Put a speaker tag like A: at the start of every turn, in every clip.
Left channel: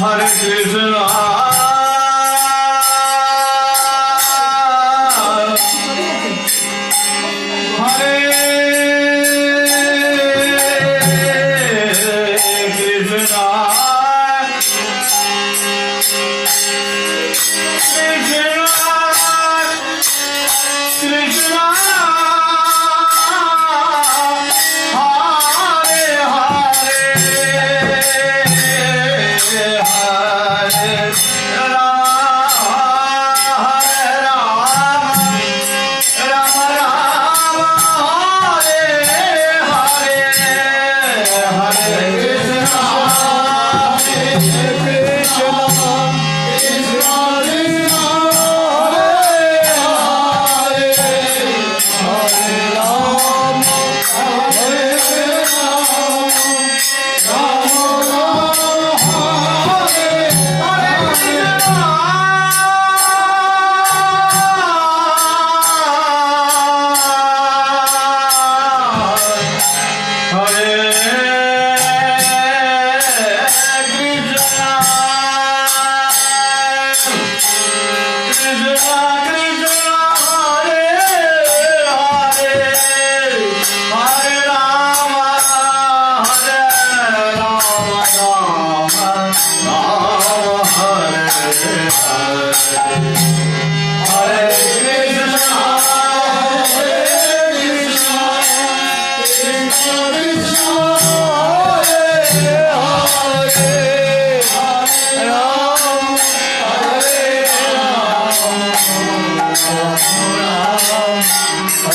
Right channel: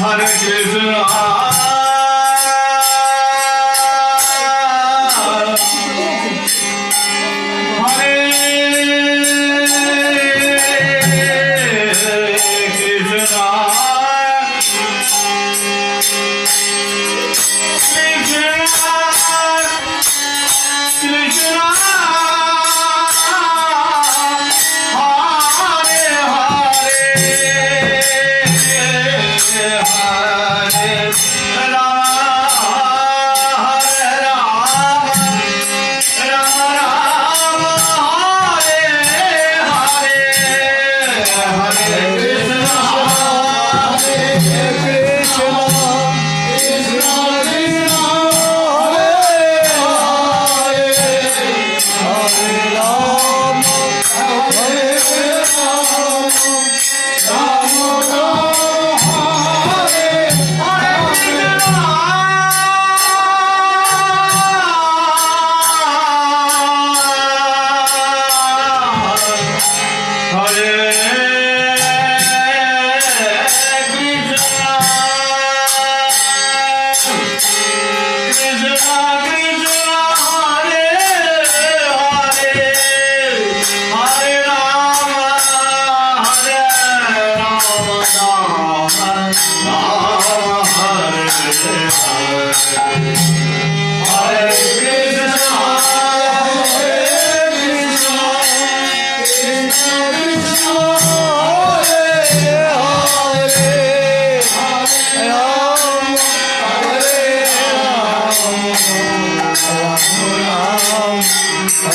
A: Her gözü Yeah.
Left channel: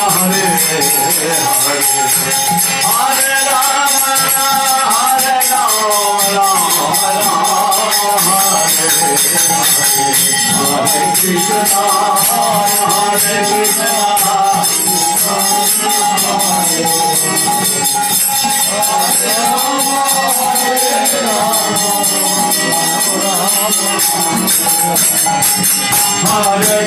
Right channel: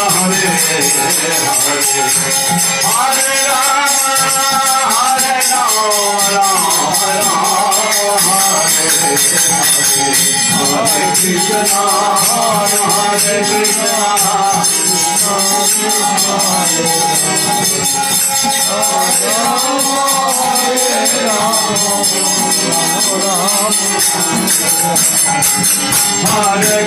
A: Krishna Krishna, Hare Hare, Hare Rama, Hare Rama, Rama Rama, Hare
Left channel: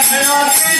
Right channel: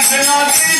A: Krishna,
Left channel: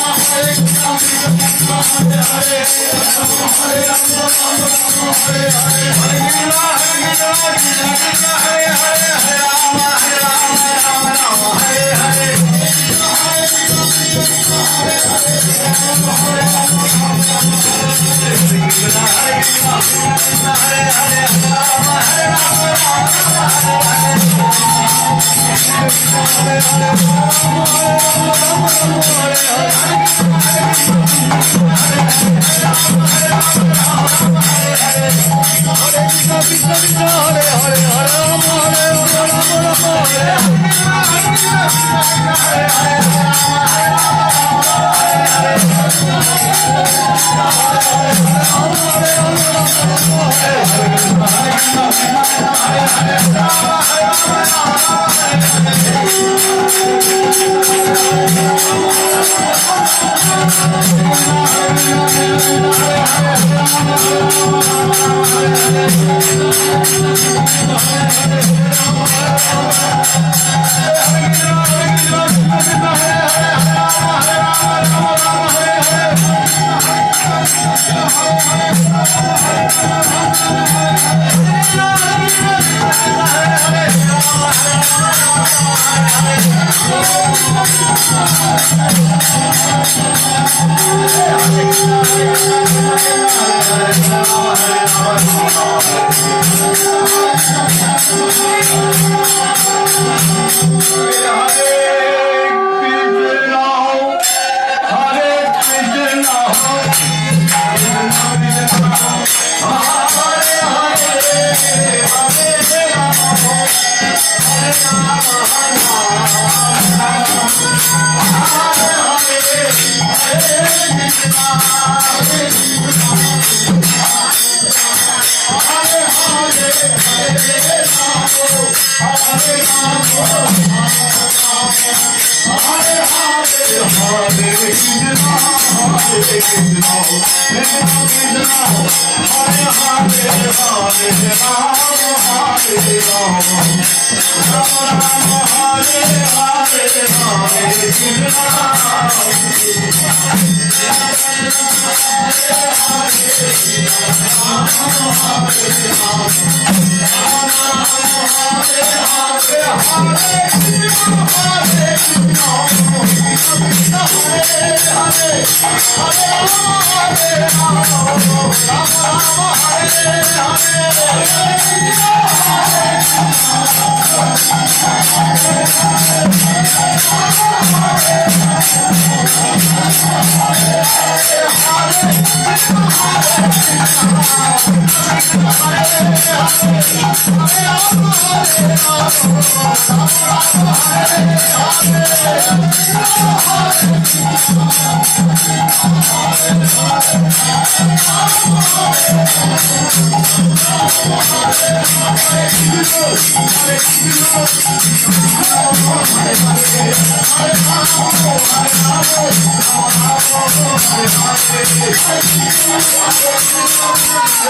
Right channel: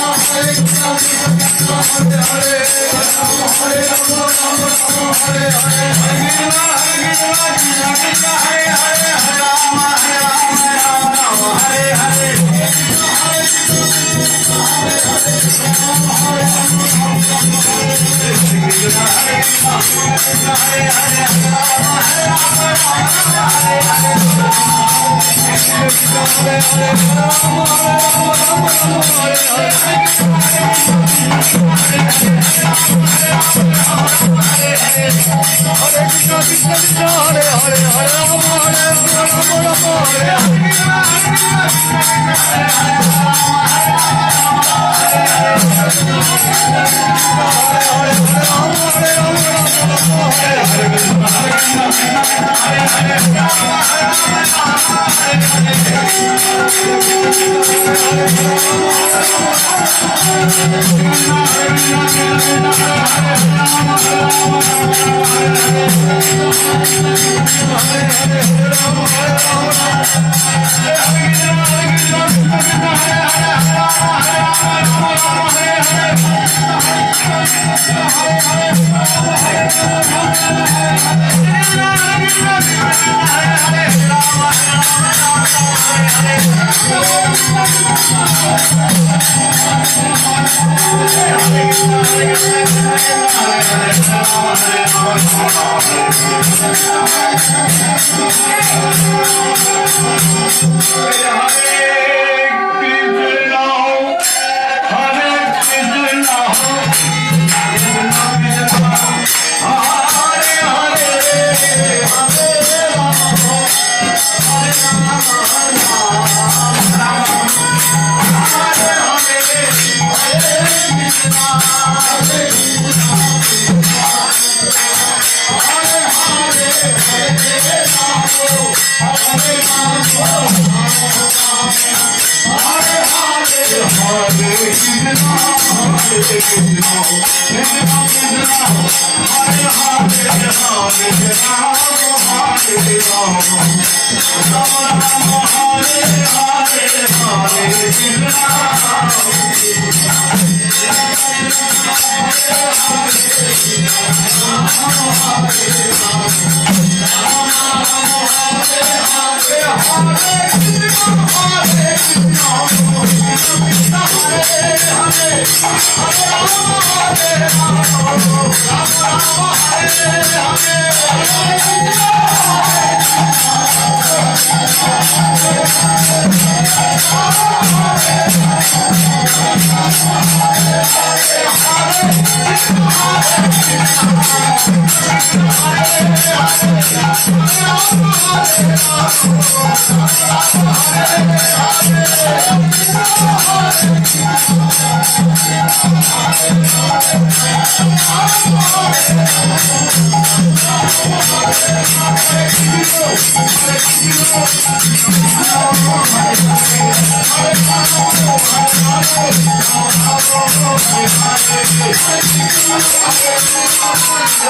A: Hare Hare, Hare Rama, Hare Rama, Hare Hare Hare Hare Hare Hare Hare I'm sorry. I'm